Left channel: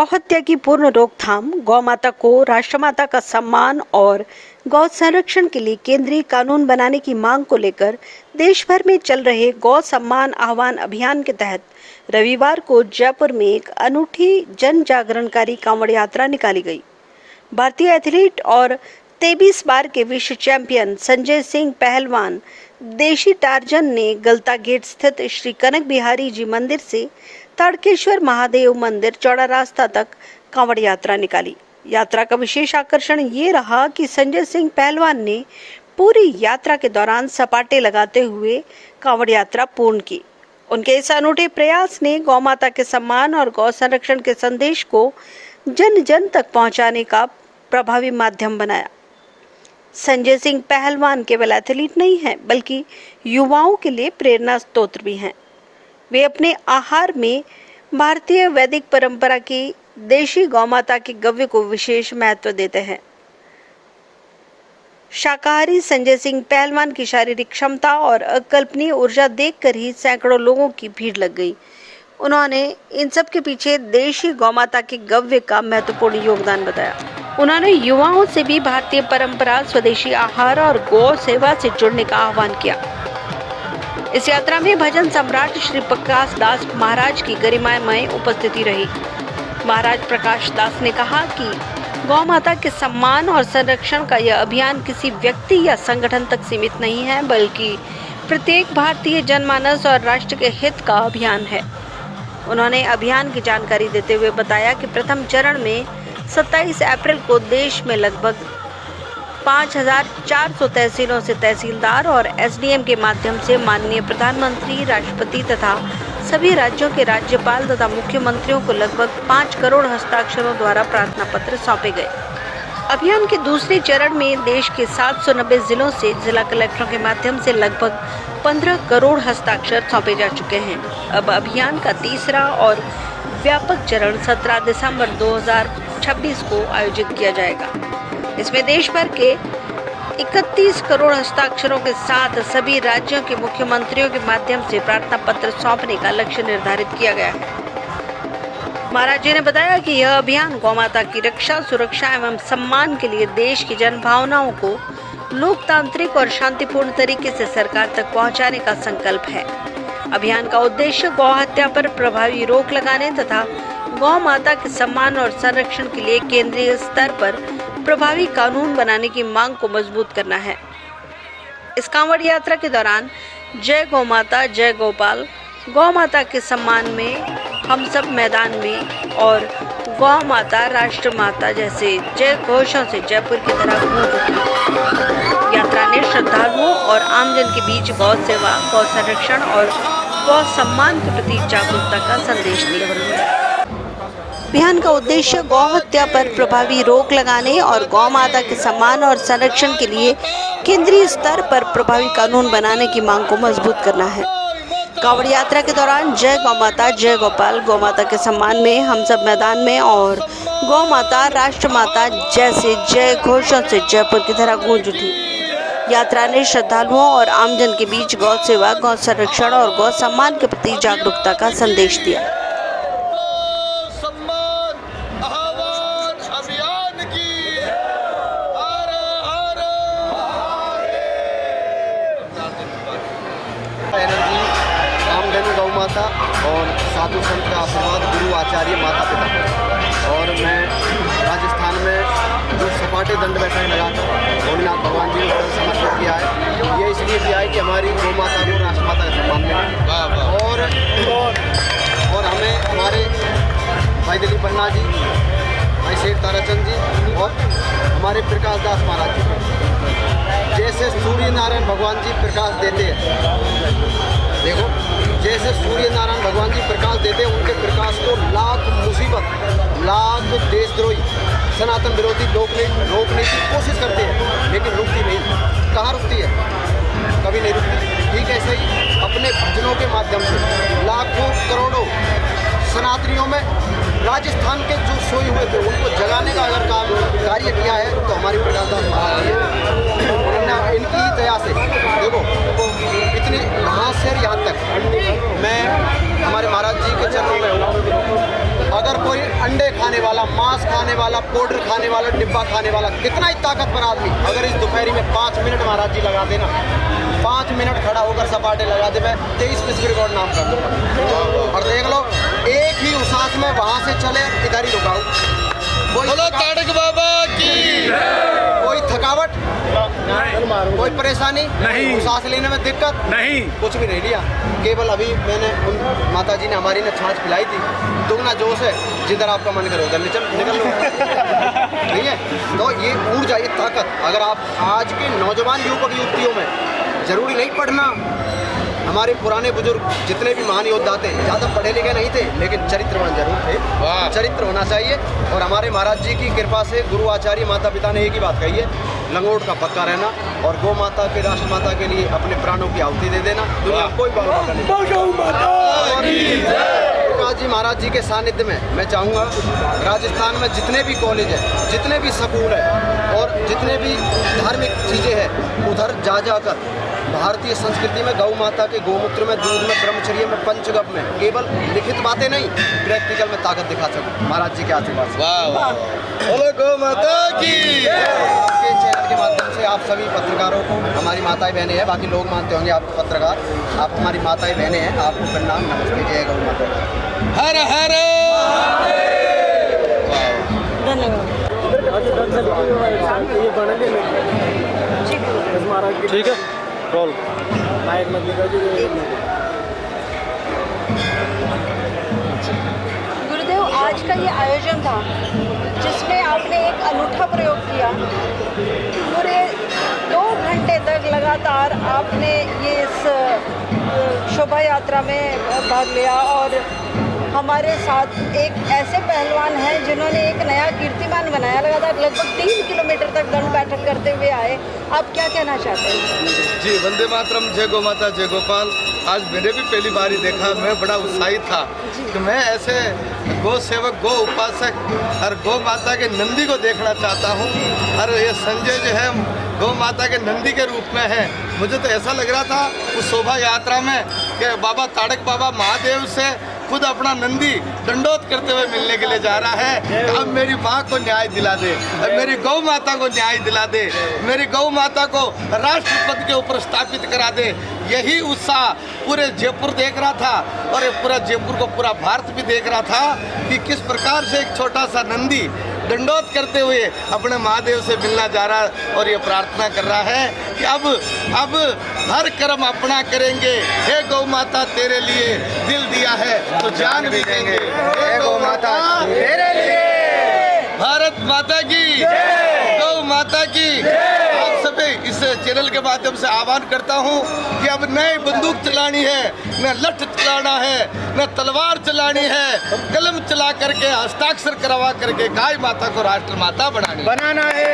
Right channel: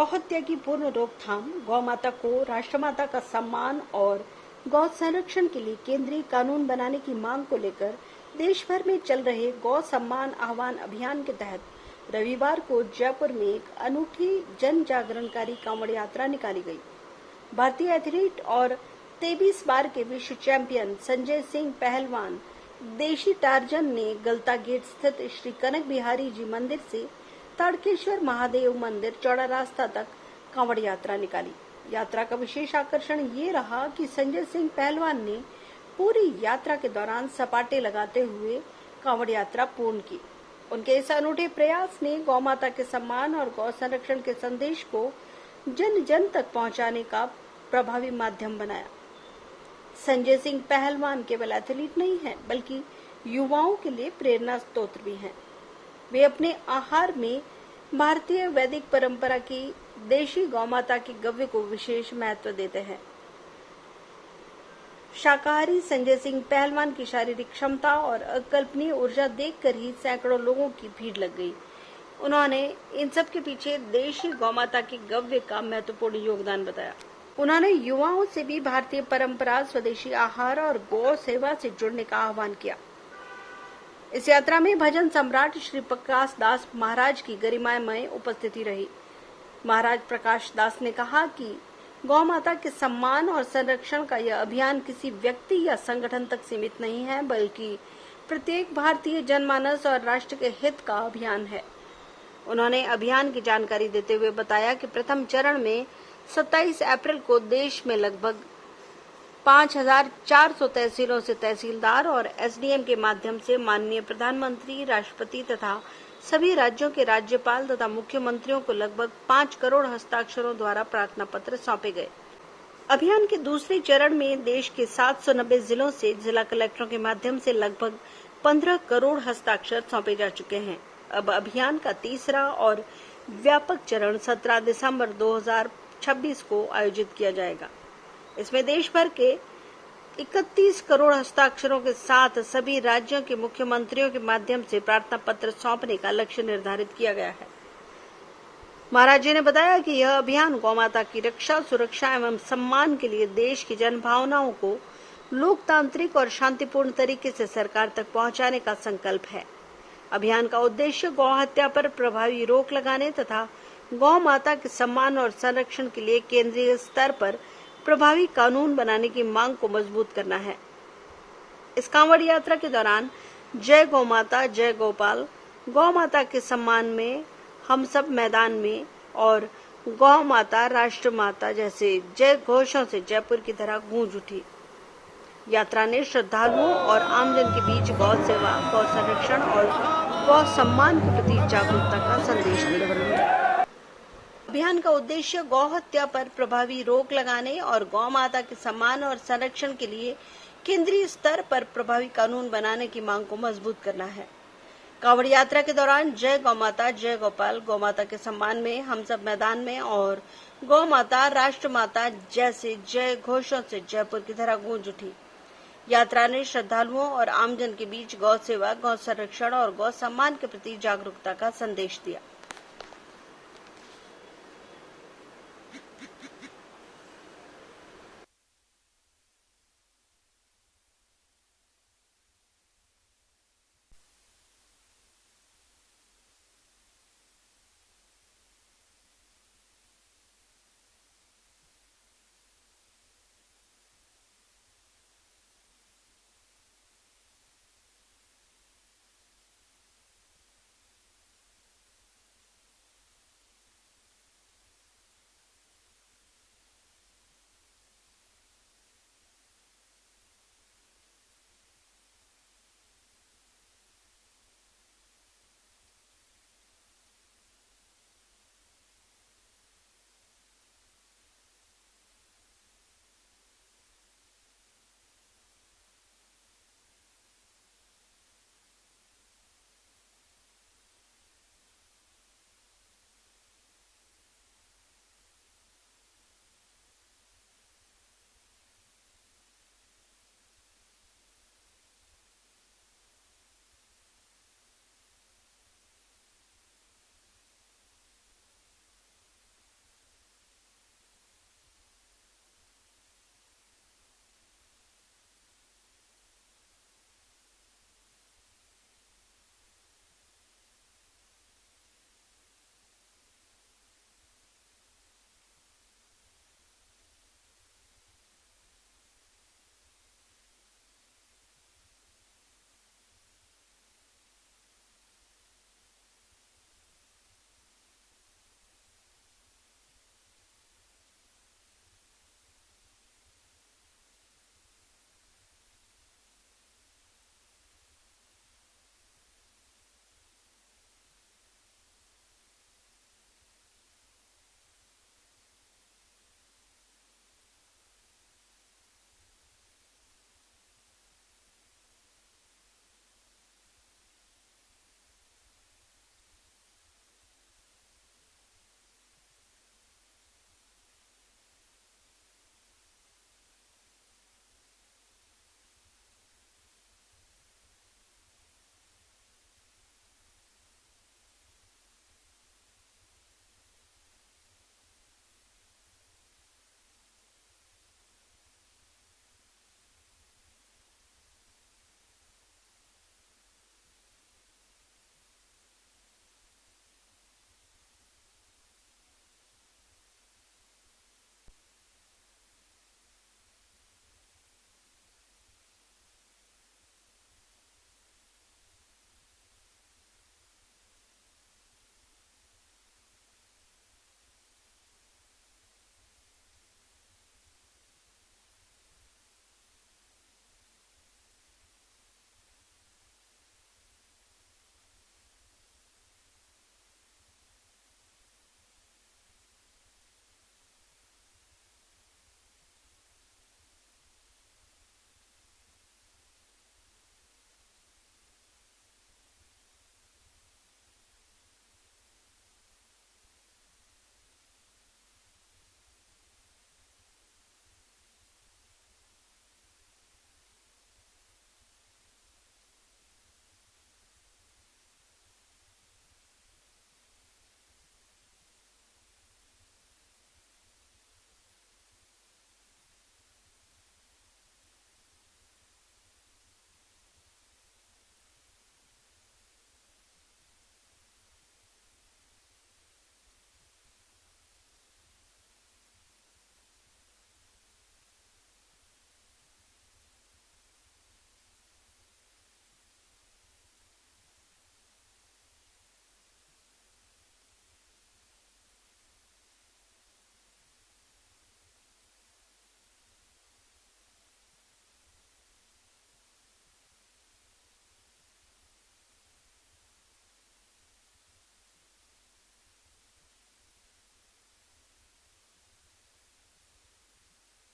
गौहत्या की पूर्ण रोकथाम, गौ माता को राष्ट्रमाता का सम्मान और गौ संरक्षण के लिए केंद्रीय कानून बनाने की मांग को लेकर देश भर में चल रहे गौ सम्मान आह्वान अभियान के तहत रविवार को जयपुर में एक अनूठी जन जागरणकारी कांवड़ यात्रा निकाली गई। भारतीय एथलीट और 23 बार के विश्व चैंपियन संजय सिंह पहलवान देशी टार्जन ने गलता गेट स्थित श्री कनक बिहारी जी मंदिर से ताड़केश्वर महादेव मंदिर चौड़ा रास्ता तक कांवड़ यात्रा निकाली। यात्रा का विशेष आकर्षण ये रहा कि संजय सिंह पहलवान ने पूरी यात्रा के दौरान सपाटे लगाते हुए कांवड़ यात्रा पूर्ण की। उनके इस अनूठे प्रयास ने गौ माता के सम्मान और गौ संरक्षण के संदेश को जन जन तक पहुंचाने का प्रभावी माध्यम बनाया। संजय सिंह पहलवान केवल एथलीट नहीं हैं, बल्कि युवाओं के लिए प्रेरणा स्रोत भी हैं। वे अपने आहार में भारतीय वैदिक परंपरा की देशी गौ माता के गव्य को विशेष महत्व देते हैं। शाकाहारी संजय सिंह पहलवान की शारीरिक क्षमता और अकल्पनीय ऊर्जा देखकर ही सैकड़ों लोगों की भीड़ लग गई। उन्होंने इन सब के पीछे देशी गौ माता के गव्य का महत्वपूर्ण योगदान बताया। उन्होंने युवाओं से भी भारतीय परंपरा, स्वदेशी आहार और गौ सेवा से जुड़ने का आह्वान किया। इस यात्रा में भजन सम्राट श्री प्रकाश दास महाराज की गरिमामय उपस्थिति रही। महाराज प्रकाश दास ने कहा कि गौ माता के सम्मान और संरक्षण का यह अभियान किसी व्यक्ति या संगठन तक सीमित नहीं है, बल्कि प्रत्येक भारतीय जनमानस और राष्ट्र के हित का अभियान है। उन्होंने अभियान की जानकारी देते हुए बताया कि प्रथम चरण में 27 अप्रैल को देश में लगभग 5,400 तहसीलों से तहसीलदार और एसडीएम के माध्यम से माननीय प्रधानमंत्री, राष्ट्रपति तथा सभी राज्यों के राज्यपाल तथा मुख्यमंत्रियों को लगभग 5 करोड़ हस्ताक्षरों द्वारा प्रार्थना पत्र सौंपे गए। अभियान के दूसरे चरण में देश के 790 जिलों से जिला कलेक्टरों के माध्यम से लगभग 15 करोड़ हस्ताक्षर सौंपे जा चुके हैं। अब अभियान का तीसरा और व्यापक चरण 17 दिसंबर 2026 को आयोजित किया जाएगा। इसमें देश भर के 31 करोड़ हस्ताक्षरों के साथ सभी राज्यों के मुख्यमंत्रियों के माध्यम से प्रार्थना पत्र सौंपने का लक्ष्य निर्धारित किया गया है। महाराज जी ने बताया कि यह अभियान गौ माता की रक्षा, सुरक्षा एवं सम्मान के लिए देश की जनभावनाओं को लोकतांत्रिक और शांतिपूर्ण तरीके से सरकार तक पहुंचाने का संकल्प है। अभियान का उद्देश्य गौ हत्या पर प्रभावी रोक लगाने तथा गौ माता के सम्मान और संरक्षण के लिए केंद्रीय स्तर पर प्रभावी कानून बनाने की मांग को मजबूत करना है। इस कांवड़ यात्रा के दौरान जय गौ माता, जय गोपाल, गौ माता के सम्मान में हम सब मैदान में और गौ माता, राष्ट्र माता जैसे जय घोषों से जयपुर की तरह गूंज उठी। यात्रा ने श्रद्धालुओं और आमजन के बीच गौ सेवा, गौ संरक्षण और गौ सम्मान के प्रति जागरूकता का संदेश दिया। अभियान का उद्देश्य गौ हत्या पर प्रभावी रोक लगाने और गौ माता के सम्मान और संरक्षण के लिए केंद्रीय स्तर पर प्रभावी कानून बनाने की मांग को मजबूत करना है। कांवड़ यात्रा के दौरान जय गौ माता, जय गोपाल, गौ माता के सम्मान में हम सब मैदान में और गौ माता, राष्ट्र माता जैसे जय घोषों से जयपुर की तरह गूंज उठी। यात्रा ने श्रद्धालुओं और आमजन के बीच गौ सेवा, गौ संरक्षण और गौ सम्मान के प्रति जागरूकता का संदेश दिया। गौ माता और साधु संत का आशीर्वाद, गुरु आचार्य माता पिता। और मैं राजस्थान में जो सपाटे दंड बैठक लगाकर भोलेनाथ भगवान जी को समर्पित किया है, ये इसलिए किया है कि हमारी गौ माता को राष्ट्र माता का सम्मान मिले। और हमें हमारे भाई दिलीप पन्ना जी, भाई शेख ताराचंद जी और हमारे प्रकाश दास महाराज जी जैसे सूर्य नारायण भगवान जी प्रकाश देते हैं। देखो, जैसे सूर्य नारायण भगवान जी प्रकाश देते हैं, उनके प्रकाश को लाख मुसीबत, लाख देशद्रोही, सनातन विरोधी लोग रोकने की कोशिश करते हैं, लेकिन रुकती नहीं। कहाँ रुकती है? कभी नहीं रुकती। ठीक ऐसे ही अपने भजनों के माध्यम से लाखों करोड़ों सनातनियों में राजस्थान के जो सोए हुए थे उनको जगाने का अगर कार्य किया है तो हमारी प्रकाश दास महाराज जी उन्होंने इनकी दया से देखो इतनी यहाँ से यहाँ तक मैं हमारे महाराज जी के चरणों में हूँ। अगर कोई अंडे खाने खाने वाला, पाउडर खाने वाला, डिब्बा खाने वाला, कितना ही ताकतवर आदमी अगर इस दोपहरी में 5 मिनट महाराज जी लगा देना, 5 मिनट खड़ा होकर सपाटे लगा दे, मैं 23 विश्व रिकॉर्ड नाम कर दूंगा। और देख लो, एक ही उसास में वहां से चले इधर ही रुकाऊ, कोई थकावट कोई परेशानी नहीं, सांस लेने में दिक्कत नहीं, कुछ भी नहीं लिया। केवल अभी मैंने उन माता जी ने हमारी ने छाछ पिलाई थी, दुगना जोश है, जिधर आपका मन करे उधर निकल लो। ठीक है, तो ये ऊर्जा, ये ताकत अगर आप आज के नौजवान युवक युवतियों में, जरूरी नहीं पढ़ना, हमारे पुराने बुजुर्ग जितने भी महान योद्धा थे ज़्यादा पढ़े लिखे नहीं थे, लेकिन चरित्रवान जरूर थे। चरित्र होना चाहिए। और हमारे महाराज जी की कृपा से गुरु आचार्य माता पिता ने एक ही बात कही है, लंगोट का पक्का रहना और गौ माता के, राष्ट्र माता के लिए अपने प्राणों की आहुति दे देना। दुनिया में कोई बात नहीं। प्रकाश जी महाराज जी के सानिध्य में मैं चाहूँगा राजस्थान में जितने भी कॉलेज है, जितने भी स्कूल है और जितने भी धार्मिक चीज़ें हैं, उधर जा जाकर भारतीय संस्कृति में गौ माता के गोमूत्र में, दूध में, ब्रह्मचर्य में, पंचगव्य में केवल लिखित बातें नहीं, प्रैक्टिकल में ताकत दिखा सकूं महाराज जी के आशीर्वाद से। बोलो गौ माता की। के चैनल के माध्यम से आप सभी पत्रकारों को, हमारी माताएं बहनें हैं, बाकी लोग मानते होंगे आपको पत्रकार, आप हमारी माताएं बहनें हैं, आपको प्रणाम, नमस्ते, जय गौ माता। हर हर ठीक है, रोल गुरुदेव, आज का ये आयोजन था जिसमें आपने एक अनूठा प्रयोग किया। पूरे 2 घंटे तक लगातार आपने ये इस शोभा यात्रा में भाग लिया और हमारे साथ एक ऐसे पहलवान हैं जिन्होंने एक नया कीर्तिमान बनाया। लगातार लगभग 3 किलोमीटर तक दंड बैठक करते हुए आए। आप क्या कहना चाहते हैं? जी, वंदे मातरम, जय गौ माता, जय गोपाल। आज मैंने भी पहली बार ही देखा, मैं बड़ा उत्साहित था कि मैं ऐसे गौ सेवक, गौ उपासक और गौ माता के नंदी को देखना चाहता हूँ। और ये संजय जो है गौ माता के नंदी के रूप में है। मुझे तो ऐसा लग रहा था उस शोभा यात्रा में कि बाबा ताड़क बाबा महादेव से खुद अपना नंदी दंडोत करते हुए मिलने के लिए जा रहा है। अब मेरी माँ को न्याय दिला दे, अब मेरी गौ माता को न्याय दिला दे, मेरी गौ माता को राष्ट्रपति के ऊपर स्थापित करा दे। यही उत्साह पूरे जयपुर देख रहा था और ये पूरा जयपुर को, पूरा भारत भी देख रहा था कि किस प्रकार से एक छोटा सा नंदी दंडोत करते हुए अपने महादेव से मिलना जा रहा है और ये प्रार्थना कर रहा है कि अब हर कर्म अपना करेंगे। हे गौ माता, तेरे लिए दिल दिया है तो जान भी देंगे। हे गौ माता तेरे लिए। भारत माता की, गौ माता की। आप सभी इस चैनल के माध्यम से आह्वान करता हूँ कि अब नई बंदूक चलानी है, न लठ चलाना है, न तलवार चलानी है, कलम चला करके, हस्ताक्षर करवा करके गाय माता को राष्ट्र माता बनाना है।